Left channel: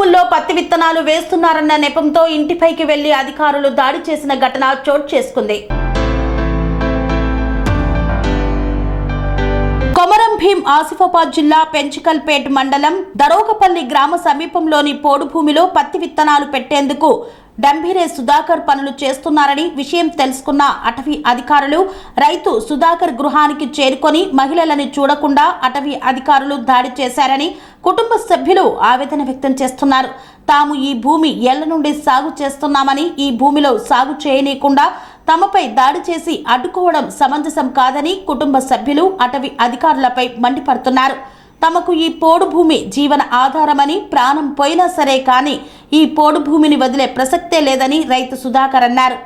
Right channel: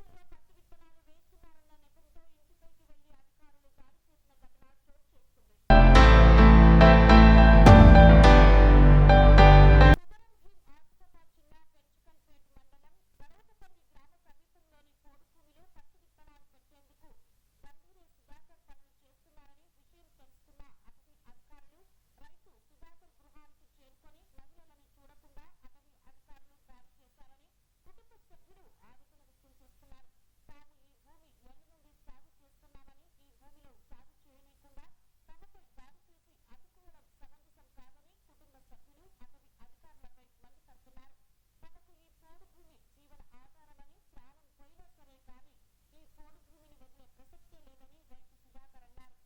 భూముల్లో పత్తి విత్తనాలు వేస్తున్నారన్న నెపంతో ఇంటిపైకి వెళ్లి అధికారులు దాడి చేసిన ఘటన చోటు చేసుకుంది. కొమరం భీం ఆసిఫాబాద్ జిల్లా పెంచికల్పేట్ మండలం దరోగపల్లి గ్రామ సమీపంలోని పోడు భూమిలో పత్తి విత్తనాలు పెట్టేందుకు డంభిరే సుధాకర్ పనులు చేస్తున్నారని విషయం తెలుసుకున్న అటవీ అధికారులు రైతు సుధాకర్ గృహానికి చేరుకొని మహిళలని చూడకుండా అటవీ అధికారులు దాడి చేశారని కుటుంబ సభ్యులు ఆవేదన వ్యక్తం చేస్తున్నారు. తాము ఈ భూమి ఏళ్ల నుండి సాగు చేస్తున్నామని ఈ భూమిలో సాగు చేయనీయకుండా తమపై దాడి చేసి అడ్డుకోవడం సమంజసం కాదని కుటుంబ సభ్యులు అటవీ అధికారులపై మండిపడుతున్నారు. తమకు ఈ పోడు భూమి జీవన ఆధారమని ప్రాణం పోయినా సరే కానీ ఈ పోడు భూమిని వదిలే ప్రసక్తే లేదని రైతు సుధాకర్ అన్నారు.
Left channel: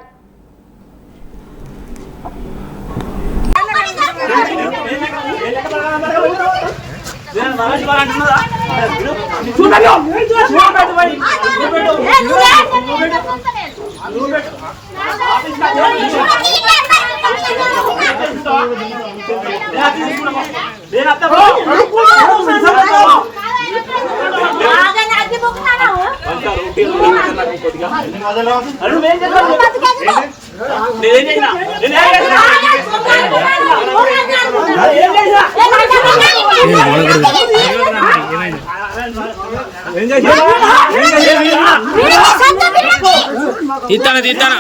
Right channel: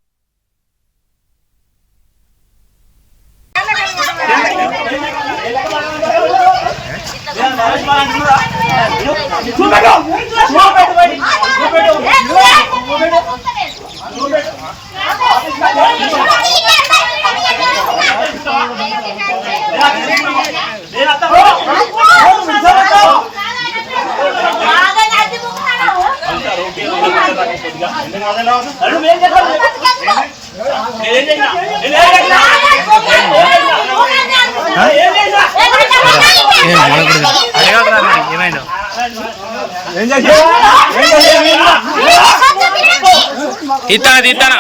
తీస్తానా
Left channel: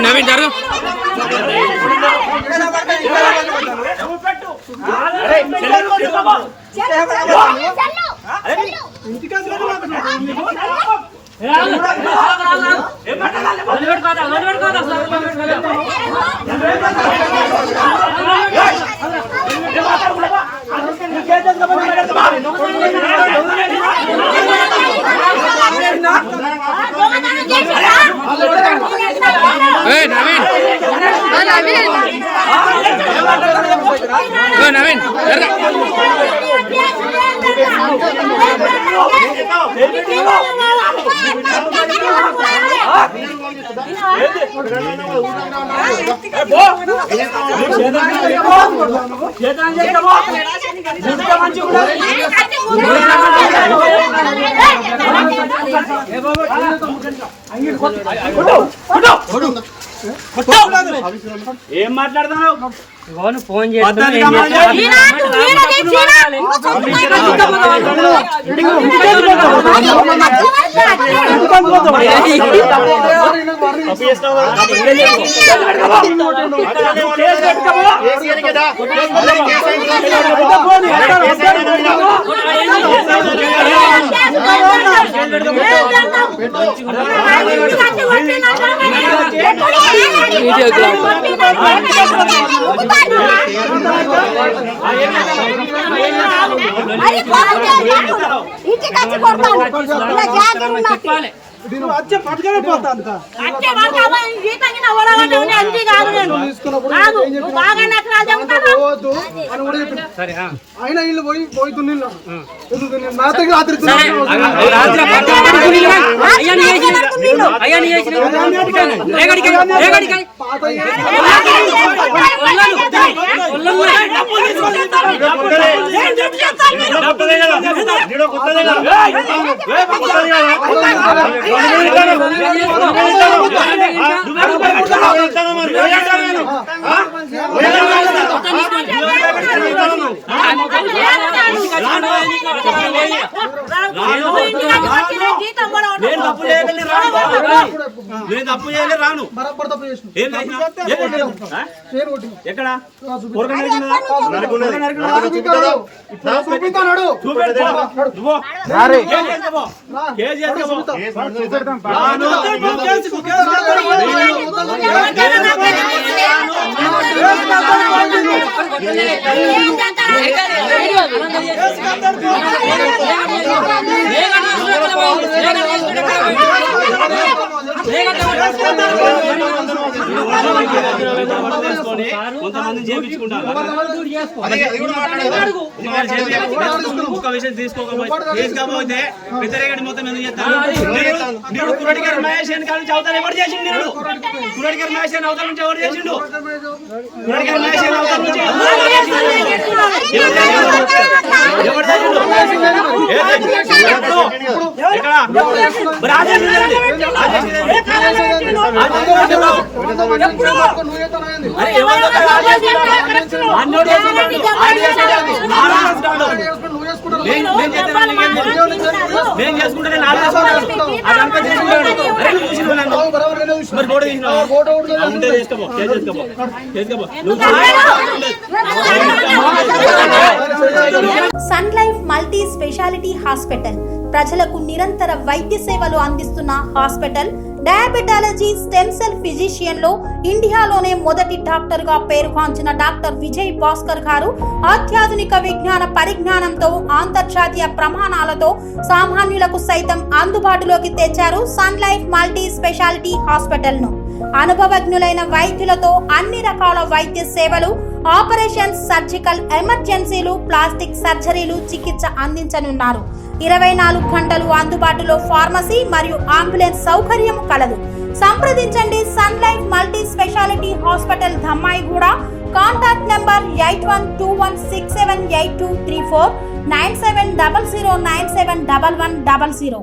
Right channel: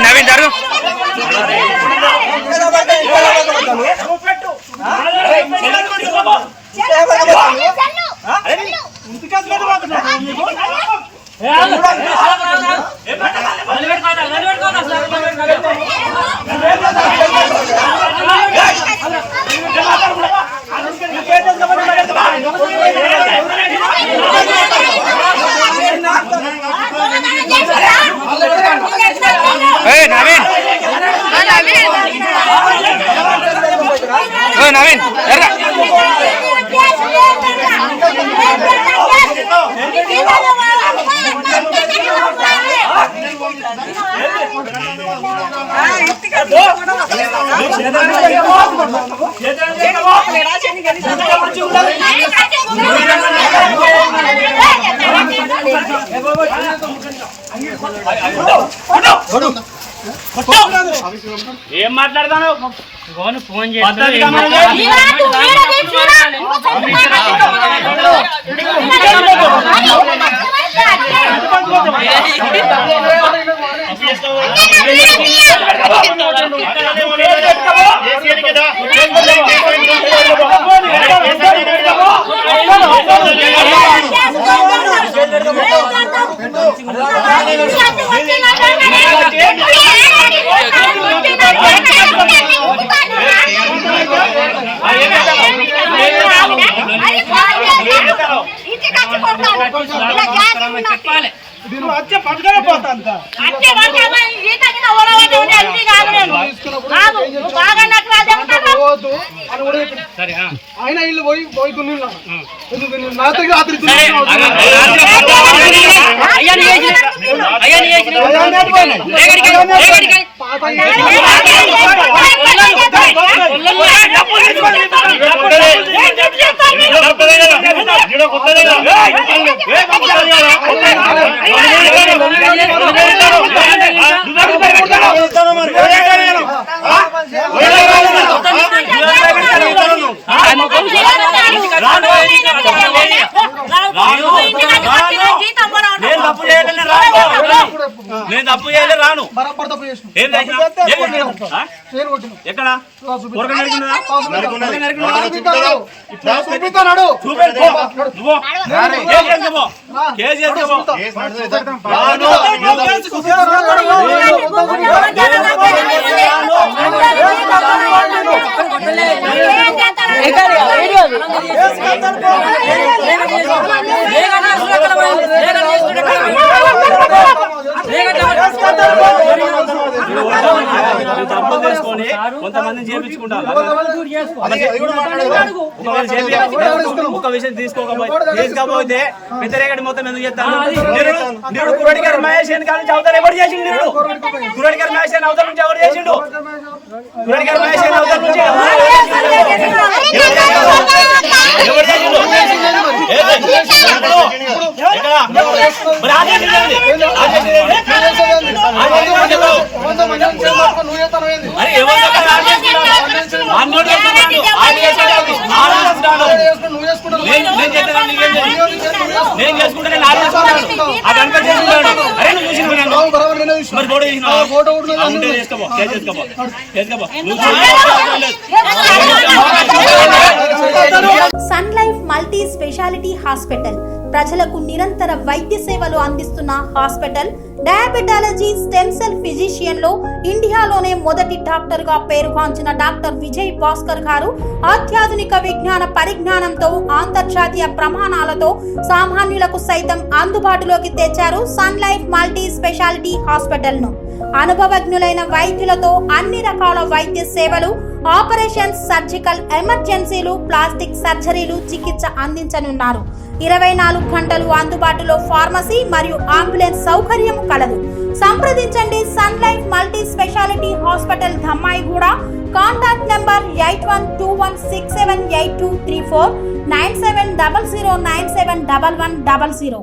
నవీన్ జరుగు నవీన్ నవీన్ ఏం మాట్లాడతాను ఫోన్ చేసి చెప్పాలి పట్టుకనే పోతాను ఆయన ఇల్లు పోయి పోయి దున్నిలా నేను తప్పు చేయలే రాను ఎక్కడ కొంతమంది చేయించుకుంటారు ఒక విషయం తీసుకోకపోతే వ్యతిరేకటి మొత్తం ఎందుకు చేస్తాను కురటి గారు మహేష్ కానీ చదువుతాను ఎవరు చేసిండు కురటి గారు మహేష్ అవతల నుంచి ఎవరు చేసిండు కొరటిగల్ మహేష్ ఎన్ని అవతారం నుంచి ఎవరు చేసిండు? ఎప్పుడు? ఎక్కడ? మరి ఆదేశం ఏంది? ఆదేశం ఏంది? అరే ఎవరితో కదా ఆదేశిస్తున్నాడు? అన్నోడు చేస్తున్నాడు. నేను చేస్తాను, నీకేం తెలుసు? నేను చేసుకుంటే నేను ఆదేశిస్తున్నాను. అది అంతా చేసుకుంటాడు. అరే నువ్వు చూసినావు నన్ను, మరి ఫోటో తీసినావు? ఉంటే చేసుకోపో, చేసుకోపో, చేసుకోపో. నువ్వు Sun Life multi speciality hospital ప్రజలకు నిరంతర వైద్య సేవలు అందిస్తున్న hospital. Diabetology stem cell physician లో ఇండియాలోనే మొదటి డాక్టర్ గా పేరుగాంచిన డాక్టర్ విజయ్ భాస్కర్ గారు అత్యాధునిక విజ్ఞాన పరిజ్ఞానంతో అంతర్జాతీయ ప్రమాణాలతో సామాన్యులకు సైతం అందుబాటులోకి తెచ్చారు Sun Life multi speciality hospital ను. అనుభవజ్ఞులైన వైద్యులతో అన్ని రకాల వైద్య సేవలు, ఆపరేషన్స్, సర్జికల్ ఎమర్జెన్సీలు, ప్లాస్టిక్ సర్జరీలు, చికిత్స అందించనున్నారు. 24 గంటలు అందుబాటులో ఫార్మసీ మరియు అంబులెన్స్ సౌకర్యం కలదు. సంప్రదించండి Sun Life multi speciality hospital, Dammaiguda. Contact number 8121678234, 9700971100.